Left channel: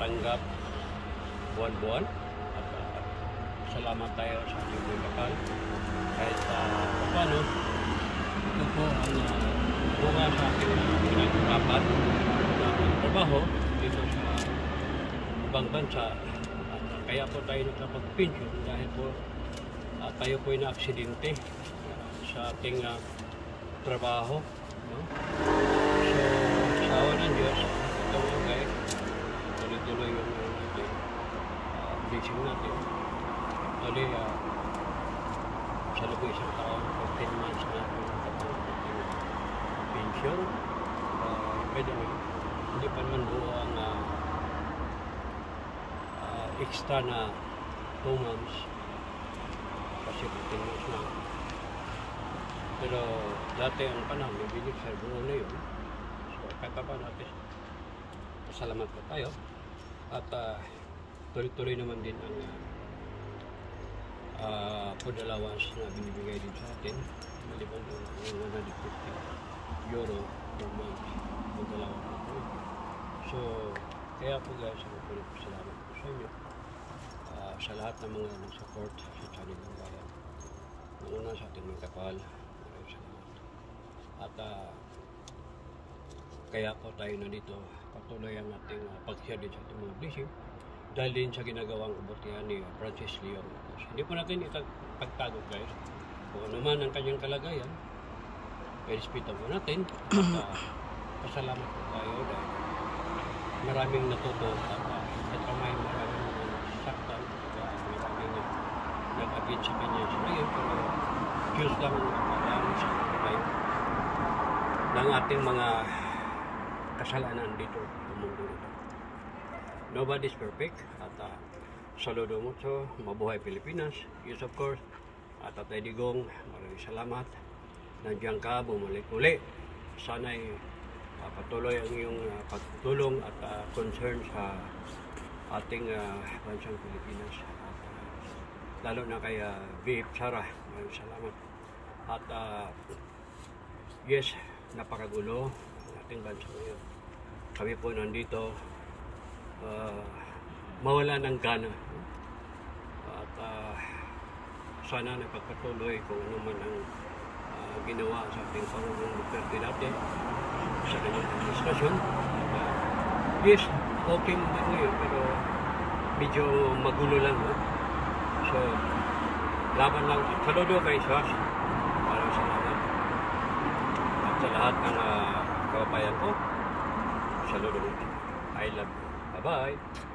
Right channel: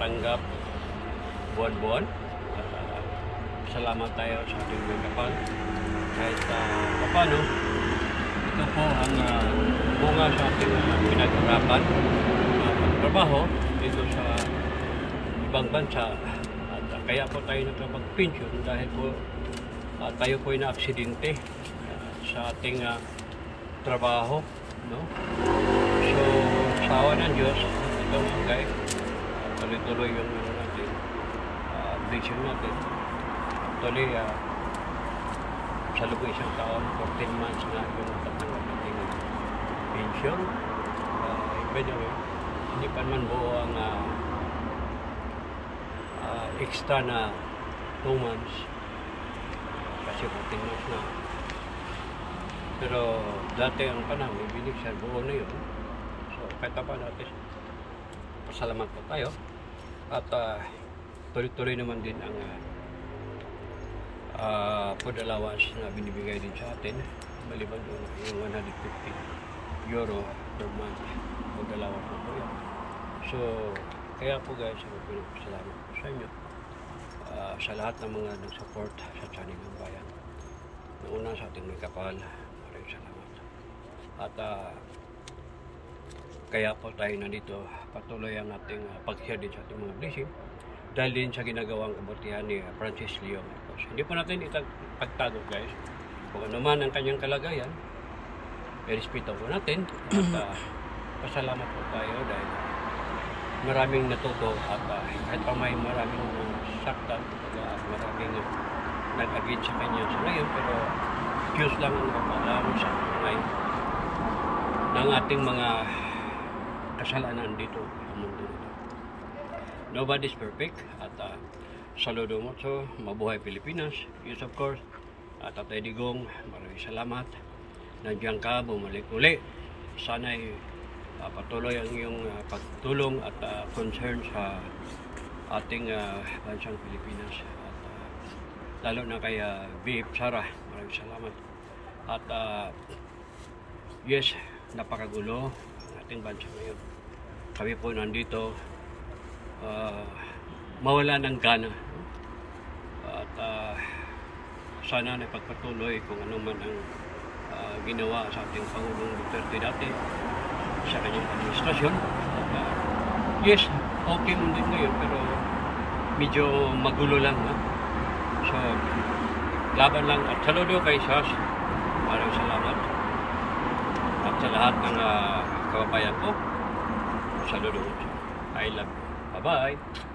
tanggap buwan-buwan at salamat tayo sa ating may kapal kahit paano ito po ang bunga sa ating pinaghirapan na magtrabaho dito sa ibang bansa at kaya po tayo nagkapag-pension dahil po tayo po ay na-aksidente sa ating trabaho, no? So sa awa ng Diyos ito nga guys, tuloy-tuloy yung natin blessing natin. Actually sa loob ng isang taon 14 months na yung natatanggap natin pension. By the way, hindi pa naman buo ang extra na 2 months kasi 14 months na, pero dati ang panahon may binig sa buo na yun. So kahit pa natin pasalamat po tayo at tuloy-tuloy naman din ang food allowance na binibigay din sa atin maliban doon yung 150 euro per month food allowance na po yan. So kaya po guys, ako pinapasalamat po sa inyo sa lahat ng mga nag-support sa channel ng bayan. Nauna sa ating may kapal, maraming salamat. At kaya po tayo nandito, patuloy ang ating pag-share din sa ating mga blessing dahil din sa ginagawang kabutihan ni Francis Leo Marcos. Hindi po natin ipagtago guys kung ano man ang kanyang kalagayan, respeto po natin at pasalamat po tayo dahil maraming natuto at kahit pa may maraming saktan, maraming nag-agit sa kanya sa ngayon, pero Diyos lang ang nakakaalam sa ngayon ng ating mga kasalanan dito sa mundo nito. Nobody's perfect at saludo mo so mabuhay Pilipinas. Yes of course, at Tatay Digong, maraming salamat. Nandiyan ka, bumalik uli. Sana'y patuloy ang iyong pagtulong at concern sa ating bansang Pilipinas at lalo na kay VF Sara, maraming salamat. At yes, napakagulo ang ating bansa ngayon. Kami po nandito mawala ng gana, no? At sana na pagpatuloy kung ano man ang ginawa sa ating Pangulong Duterte dati sa kanyang administrasyon. At yes, okay mo din ngayon pero medyo magulo lang, no? So laban lang at saludo kay SAS, maraming salamat. At sa lahat ng kababayan ko, saludo. I love you. Bye-bye.